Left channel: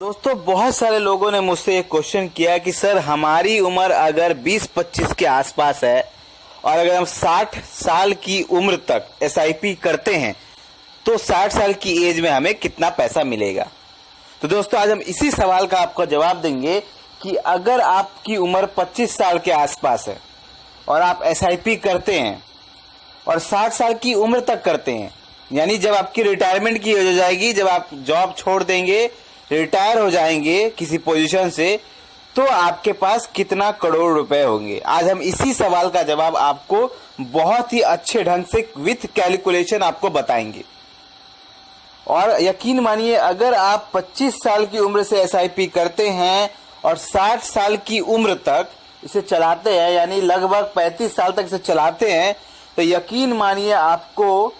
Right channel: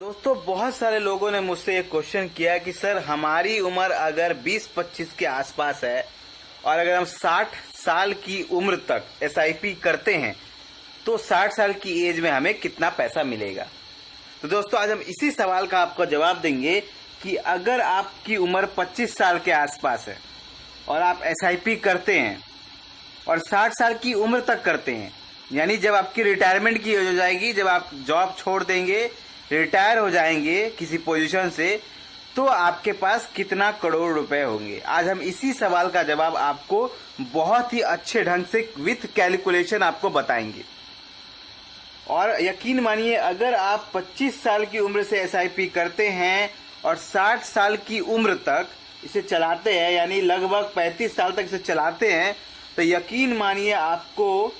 दोस्तों, बहुत सारे लोगों ने मुझसे ये क्वेश्चन किया कि सर हमारी उम्र अगर 20-25 के आसपास है और अगर हम 60 साल की उम्र तक एसआईपी करते हैं तो 60 साल की एज में हमें कितना पैसा मिलेगा। तो दोस्तों, आज हम इसी सवाल का आपको जवाब देंगे कि अगर आपकी उम्र 25 साल के आसपास है और आप एसआईपी करते हैं और 60 साल की उम्र तक करते हैं, यानी जब आपकी रिटायरमेंट की एज हो जाएगी, जब आप जॉब छोड़ देंगे, रिटायर हो जाएंगे किसी पोजीशन से, तो आपके पास कितना करोड़ रुपए होंगे। आज हम इसी सवाल का जवाब आपको बहुत ही अच्छे ढंग से विथ कैलकुलेशन आपको बताएंगे। और यकीन मानिए, अगर आप 25 साल की उम्र से एसआईपी करते हैं और 60 साल की उम्र तक इसे चलाते हैं, यानी लगभग 35 साल तक इसे चलाते हैं, तो यकीन मानिए आपको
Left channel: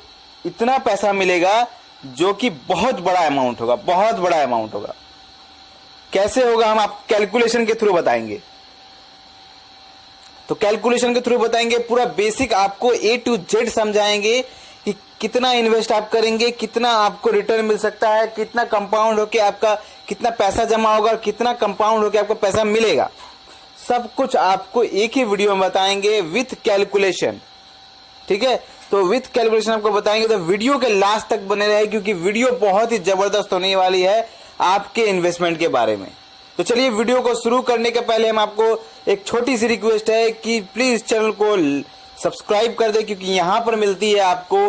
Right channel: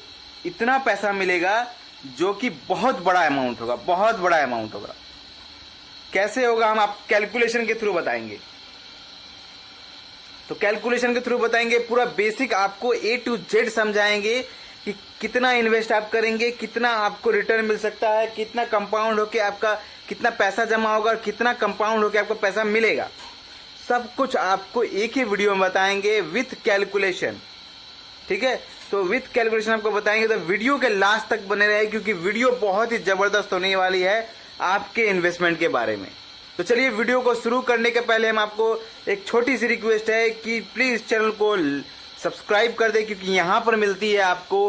इतना पैसा मिलेगा जो कि बहुत बड़ा अमाउंट होगा, बहुत बड़ा अमाउंट होगा। कैसे होगा हम आप कैलकुलेशन के थ्रू बताएंगे। तो कैलकुलेशन के थ्रू बताएंगे, पूरा बेसिक आपको ए टू जेड समझाएंगे कि कितना इन्वेस्ट आप करेंगे, कितना आपको रिटर्न मिल सकता है, कितना कंपाउंड होके आपका कितना पैसा जमा होगा, कितना कंपाउंड होके आपको पैसा मिलेगा। सब कुछ आपको एक ही वीडियो में बताएंगे विथ कैलकुलेशन। ठीक है, तो विथ कैलकुलेशन आपको बताएंगे, तो वीडियो के लास्ट तक बने रहे क्योंकि वीडियो बहुत ही जबरदस्त होने वाली है आपके इन्वेस्टमेंट के बारे में। तो चलिए, वीडियो को शुरू करने के पहले हम आपको एक छोटी सी रिक्वेस्ट है कि प्लीज चैनल को सब्सक्राइब कर दे, क्योंकि यहाँ पर मिलती है आपको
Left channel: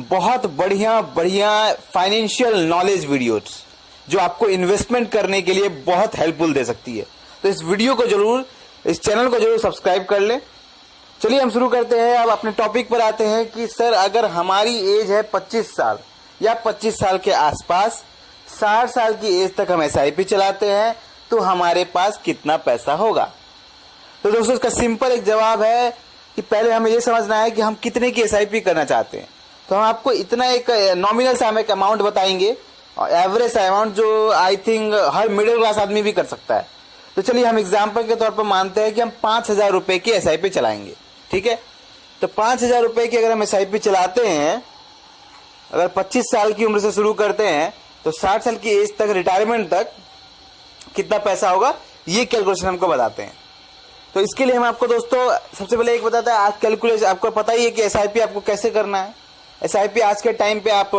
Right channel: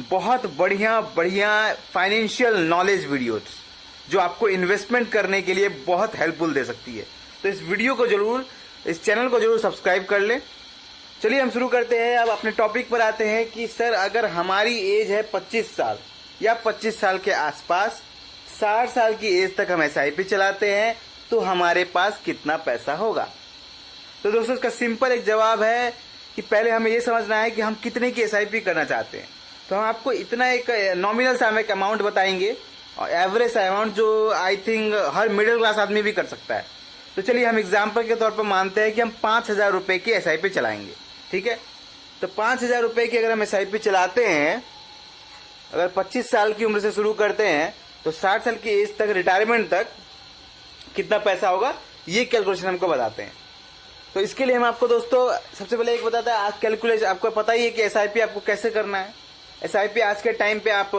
बहुत बढ़िया बढ़िया फाइनेंशियल नॉलेज वीडियोस जो आपको इन्वेस्टमेंट करने के लिए बहुत हेल्पफुल दे सकती है। तो इस वीडियो को जरूर, इस चैनल को जरूर सब्सक्राइब कर ले। चलिए हम शुरू करते हैं। अब अपने टॉपिक पर आते हैं कि सर अगर हमारी एज है 25 साल या 25 साल के आसपास, 60 साल की एज तक हम एसआईपी चलाते हैं तो हमारे पास कितना पैसा होगा। तो दोस्तों, इसका सिंपल एक जवाब है कि पहले हमें यह समझना है कि हम कितने की एसआईपी करना चाहते हैं। तो हम आपको इतना एक नॉमिनल सा एक अमाउंट बताएंगे, और एवरेज अमाउंट जो I think her middle class आदमी भी कर सकता है। तो चलिए हम एग्जाम्पल के तौर पर मानते हैं कि हम 5,000 रुपए की एसआईपी चलाएंगे। ठीक है, तो 5,000 रुपए की अगर हम एसआईपी चलाते हैं, अगर 25 साल की उम्र से शुरू करते हैं तो 60 साल की एज तक, रिटायरमेंट तक कितना पैसा होगा, ये कैलकुलेशन हमको बताते हैं। तो इसके लिए हम आपको दोस्तों सबसे पहले एक बताता है, आज कैलकुलेशन आपको पता ही है कि एसआईपी आपको कैसे करना है। एसआईपी आज के टाइम पे आप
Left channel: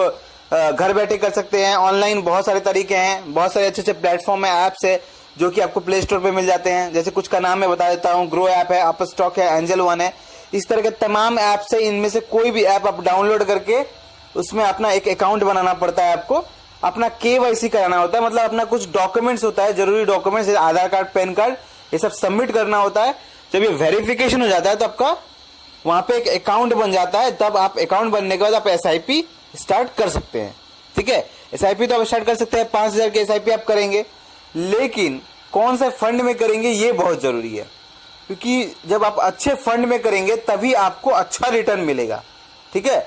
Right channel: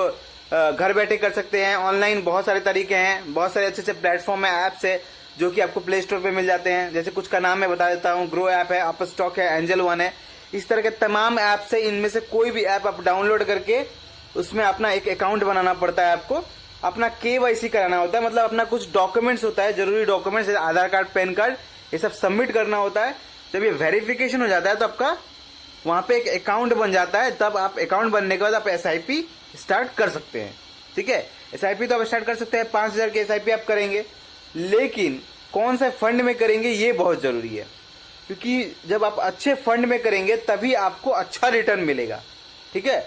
घर बैठे कर सकते हैं, ऑनलाइन बहुत सारे तरीके हैं, बहुत सारे अच्छे अच्छे प्लेटफॉर्म है, ऐप्स है जो कि आपको प्ले स्टोर पे मिल जाते हैं। जैसे कुछ का नाम मैं बता देता हूँ, ग्रो ऐप है, अपस्टॉक है, एंजल वन है। इस तरह के तमाम ऐप से इनमें से कोई भी ऐप आप डाउनलोड करके उसमें अपना एक अकाउंट बनाना पड़ता है, आपको अपना केवाईसी कराना होता है, मतलब अपना कुछ डॉक्यूमेंट्स होता है, जरूरी डॉक्यूमेंट्स, आधार कार्ड, पैन कार्ड, ये सब सबमिट करना होता है। जब ये वेरिफिकेशन हो जाता है तो आपका वहां पे एक अकाउंट बन जाता है। तब आप अकाउंट बनने के बाद आप एसआईपी स्टार्ट कर सकते हैं। ठीक है, एसआईपी तो आप स्टार्ट कर सकते हैं, 5,000 की एसआईपी आप करेंगे, लेकिन कौन से फंड में करेंगे ये बहुत जरूरी है, क्योंकि जब आप अच्छे फंड में करेंगे तभी आपको अच्छा रिटर्न मिलेगा। ठीक है,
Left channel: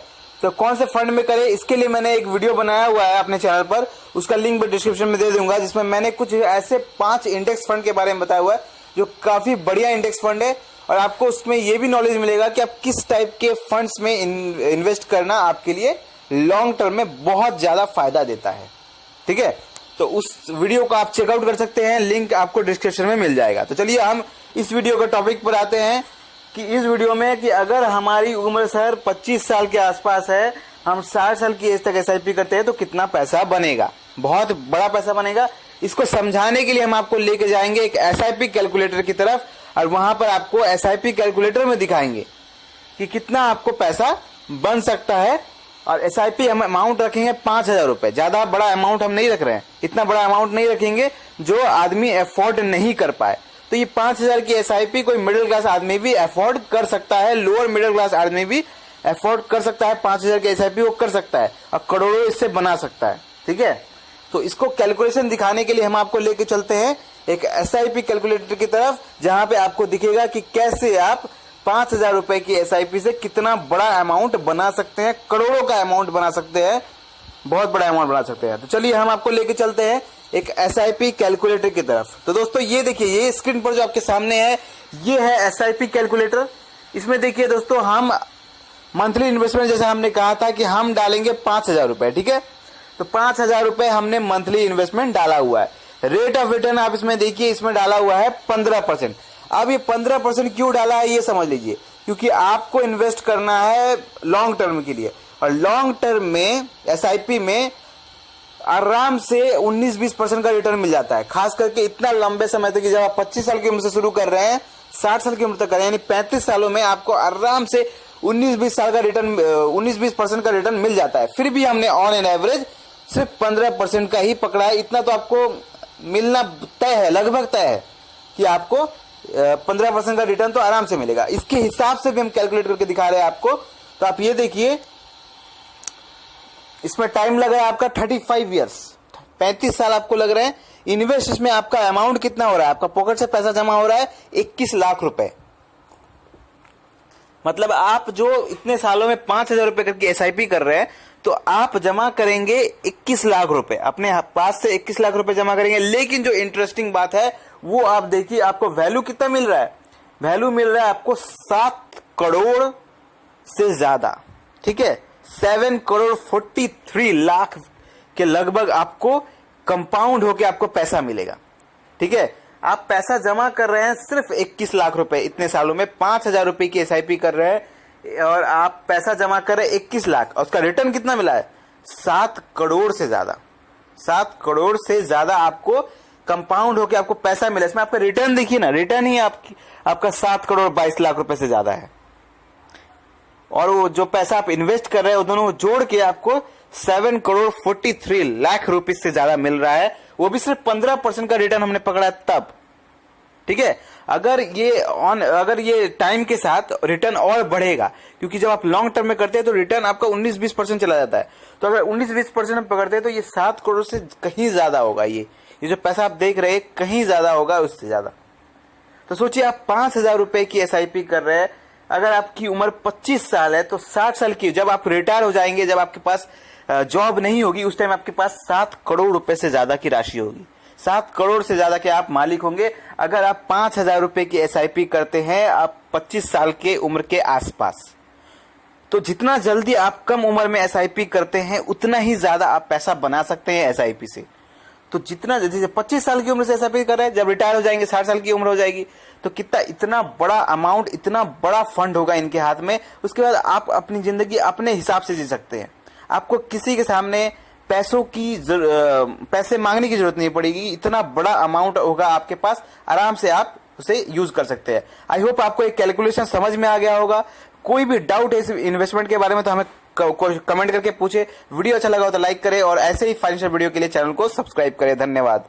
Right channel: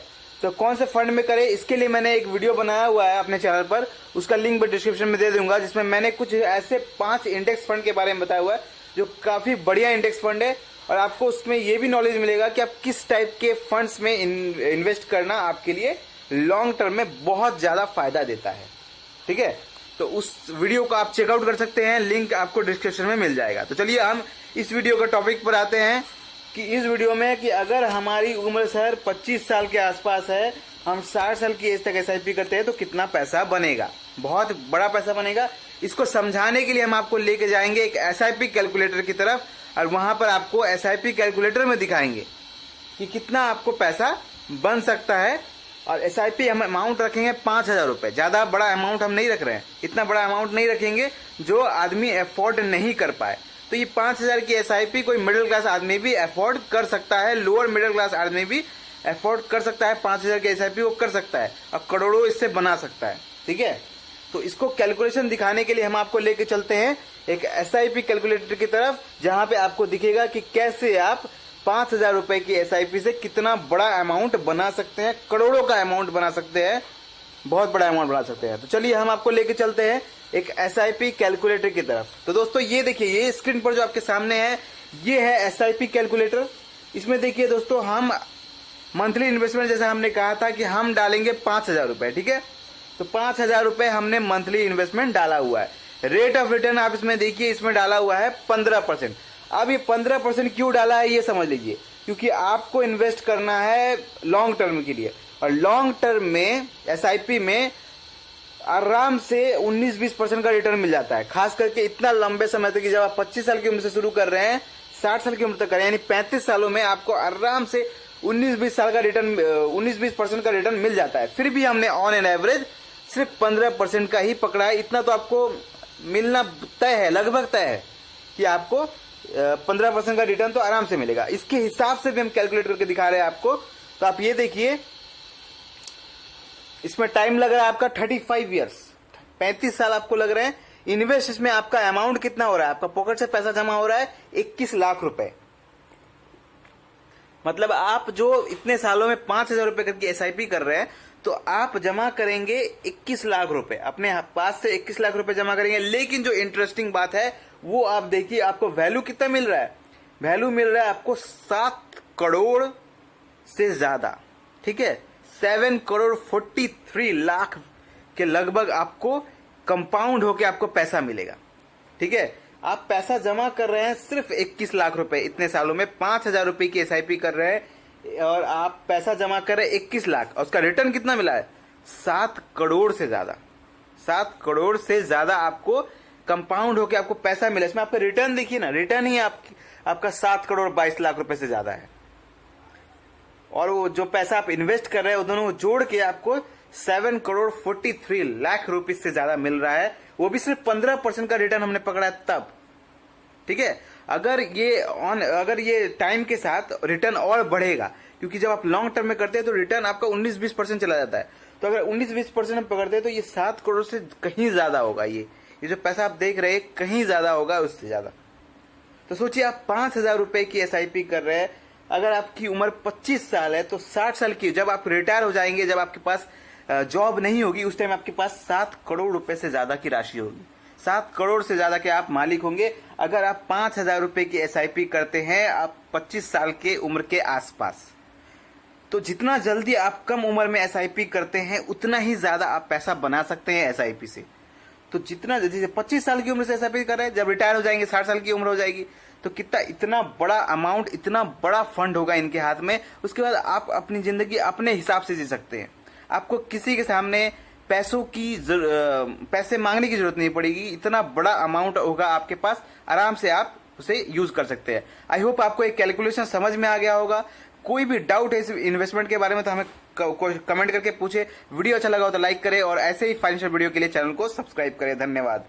तो कौन से फंड में करें, इसके लिए मैंने एक वीडियो बनाया हुआ है अपने चैनल पर, उसका लिंक मैं डिस्क्रिप्शन में दे दूंगा, जिसमें मैंने कुछ ऐसे 5 इंडेक्स फंड के बारे में बताया हुआ है जो काफी बढ़िया इंडेक्स फंड है, और आपको उसमें यह भी नॉलेज मिलेगा कि आप किस टाइप के फंड्स में इन्वेस्ट करना आपके लिए लॉन्ग टर्म में बहुत ज्यादा फायदा देता है। ठीक है, तो उस वीडियो को आप चेकआउट कर सकते हैं, लिंक आपको डिस्क्रिप्शन में मिल जाएगा। तो चलिए हम इस वीडियो के टॉपिक पर आते हैं कि इस वीडियो में कि अगर हमारी उम्र सर 25 साल के आसपास है, हम 60 साल की एज तक एसआईपी करते हैं तो कितना पैसा बनेगा। बहुत बड़ा पैसा बनेगा। इसको समझाने के लिए हम आपको लेके जाएंगे एक एसआईपी कैलकुलेटर की तरफ, और वहां पर आपको एसआईपी कैलकुलेटर में दिखाएंगे कि कितना आपको पैसा बन सकता है। और एसआईपी हम अमाउंट रखेंगे 5,000 रुपए, ज्यादा बड़ा अमाउंट हम नहीं रख रहे हैं, इतना बड़ा अमाउंट नहीं रखेंगे जो आदमी अफोर्ड नहीं कर पाए। तो ये 5,000 की एसआईपी कोई मिडिल क्लास आदमी भी अफोर्ड कर सकता है, लोअर मिडिल क्लास आदमी भी अफोर्ड कर सकता है, 5,000 की एसआईपी वो कर सकता है और करोड़ों इससे बना सकता है। ठीक है, तो इसको कैलकुलेशन दिखाने के लिए हम आपको लेके चलते हैं एक एसआईपी कैलकुलेटर की तरफ, जहां पे आपको दिखेगा कि कैसे आप 5,000 रुपए की एसआईपी से कितना बड़ा अमाउंट बना सकते हैं, करोड़ों का अमाउंट बना सकते हैं, बहुत बड़ा अमाउंट बना सकते हैं। तो चलिए हम आपको लेके चलते हैं एक एसआईपी कैलकुलेटर की तरफ। तो दोस्तों, ये देखिए, ये स्क्रीन पर जो आपके सामने है, ये है एसआईपी कैलकुलेटर। इसमें देखिए दोस्तों, हम मंथली इन्वेस्टमेंट, जैसा हमने कहा था कि हम डालेंगे 5,000 रुपए। ठीक है, तो 5,000 रुपए हमने मंथली इन्वेस्टमेंट डाला हुआ है। रेट ऑफ रिटर्न आप इसमें देखिए, इसमें डाला हुआ है 15%। अब ये 15% क्यों डाला है ये समझ लीजिए, क्योंकि आपको इन्वेस्ट करना है लॉन्ग टर्म के लिए, और लॉन्ग टर्म में एसआईपी में आराम से 19-20% का रिटर्न मिल जाता है। खास करके इतना लंबे समय तक, जब आप 25 साल की उम्र से शुरू कर रहे हैं, 60 साल की उम्र तक करें, यानी 35 सालों में आपको आराम से 19-20 साल का रिटर्न, 19-20% का रिटर्न मिल जाता है। फिर भी हमने ऑन एन एवरेज सिर्फ 15% का ही पकड़ा है। इतना तो आपको मिलना तय है, लगभग तय है कि आपको 15% का रिटर्न तो आराम से मिलेगा। इसके हिसाब से भी हम कैलकुलेट करके दिखा रहे हैं आपको। तो आप ये देखिए, इसमें टाइम लग रहा है आपका 35 ईयर्स, 35 साल आपको लग रहे हैं। इन्वेस्ट इसमें आपका अमाउंट कितना हो रहा है, आपका पॉकेट से पैसा जमा हो रहा है 21 लाख रुपए। मतलब आप जो इतने सालों में 5,000 रुपए करके एसआईपी कर रहे हैं, तो आप जमा करेंगे 21 लाख रुपए, अपने पास से 21 लाख रुपए जमा करेंगे। लेकिन जो इंटरेस्टिंग बात है वो आप देखिए, आपको वैल्यू कितना मिल रहा है, वैल्यू मिल रहा है आपको 7 करोड़ से ज्यादा, ठीक है, 7 करोड़ 43 लाख के लगभग आपको कंपाउंड होके आपको पैसा मिलेगा। ठीक है, आप पैसा जमा कर रहे हैं सिर्फ 21 लाख रुपए, इतने सालों में 5,000 रुपए की एसआईपी कर रहे हैं और आप पैसा जमा कर रहे हैं 21 लाख, और उसका रिटर्न कितना मिला है, 7 करोड़ से ज्यादा। 7 करोड़ से ज्यादा आपको कंपाउंड होके आपको पैसा मिला। इसमें आपका रिटर्न देखिए ना, रिटर्न ही आपका 7 करोड़ 22 लाख रुपए से ज्यादा है। और वो जो पैसा आप इन्वेस्ट कर रहे हैं, वो दोनों जोड़ के आपको 7 करोड़ 43 लाख रुपए से ज्यादा मिल रहा है। वो भी सिर्फ 15% का रिटर्न हमने पकड़ा है तब। ठीक है, अगर ये टाइम के साथ रिटर्न और बढ़ेगा, क्योंकि जब आप लॉन्ग टर्म में करते हैं तो रिटर्न आपका 19-20% चला जाता है। तो अगर 19-20% हम पकड़ते हैं तो ये 7 करोड़ से कहीं ज्यादा होगा। ये जो पैसा आप देख रहे हैं कहीं ज्यादा होगा, उससे ज्यादा। तो सोचिए, आप 5,000 रुपए की एसआईपी कर रहे हैं, अगर आपकी उम्र 25 साल है तो 60 साल की जब आप रिटायर हो जाएंगे, जब आपके पास जॉब नहीं होगी, उस टाइम आपके पास 7 करोड़ रुपए से ज्यादा की राशि होगी। 7 करोड़ से ज्यादा के आप मालिक होंगे अगर आप 5,000 रुपए की एसआईपी करते हैं आप 25 साल के उम्र के आसपास। तो जितना जल्दी आप कम उम्र में एसआईपी करते हैं, उतना ही ज्यादा आप पैसा बना सकते हैं एसआईपी से। तो जितना, जैसे 25 साल की उम्र से एसआईपी कर रहे हैं, जब रिटायर हो जाएंगे 60 साल की उम्र हो जाएगी, तो कितना, इतना बड़ा अमाउंट, इतना बड़ा फंड होगा इनके हाथ में। उसके बाद आप अपनी जिंदगी अपने हिसाब से जी सकते हैं। आपको किसी के सामने पैसे मांगने की जरूरत नहीं पड़ेगी। इतना बड़ा अमाउंट होगा आपके पास, आराम से आप उसे यूज कर सकते हैं। आई होप आपको एक कैलकुलेशन समझ में आ गया होगा। कोई भी डाउट है इस इन्वेस्टमेंट के बारे में तो हमें कमेंट करके पूछे। वीडियो अच्छा लगा हो तो लाइक करें और ऐसे ही फाइनेंशियल वीडियो के लिए चैनल को सब्सक्राइब करें। धन्यवाद।